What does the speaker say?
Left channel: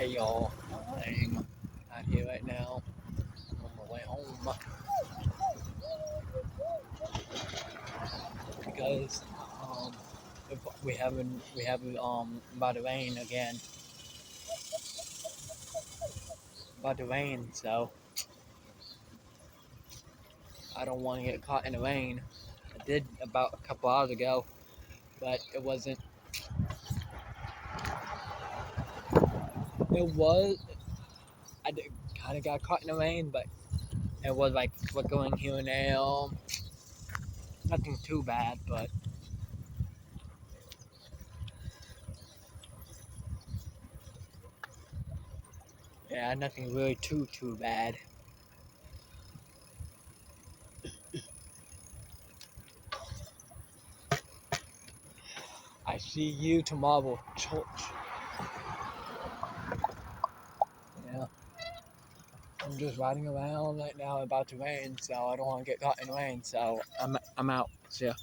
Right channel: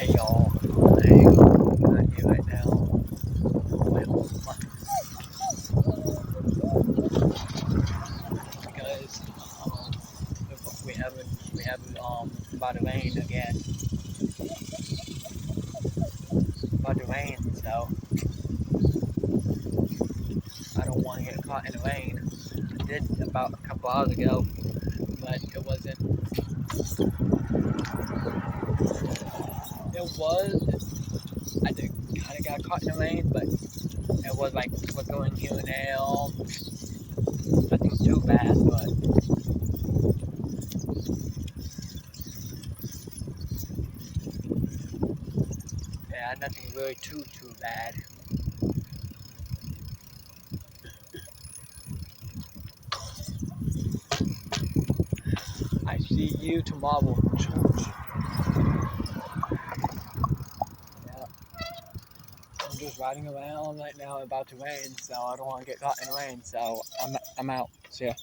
Hey y'all, I'm out here right now on my way home because we have about to rain again, about to rain, so I don't want to get caught in the rain. I did about a couple hours ago, but it wasn't. It was. I did kind of got caught in the rain, but it was like flickering here and there. Nothing too bad, but yeah, nothing really too bad. I see you tomorrow, church. Yeah, I'm just riding around right now, about to rain, so I don't want to get caught in the rain. So I'm out. See ya.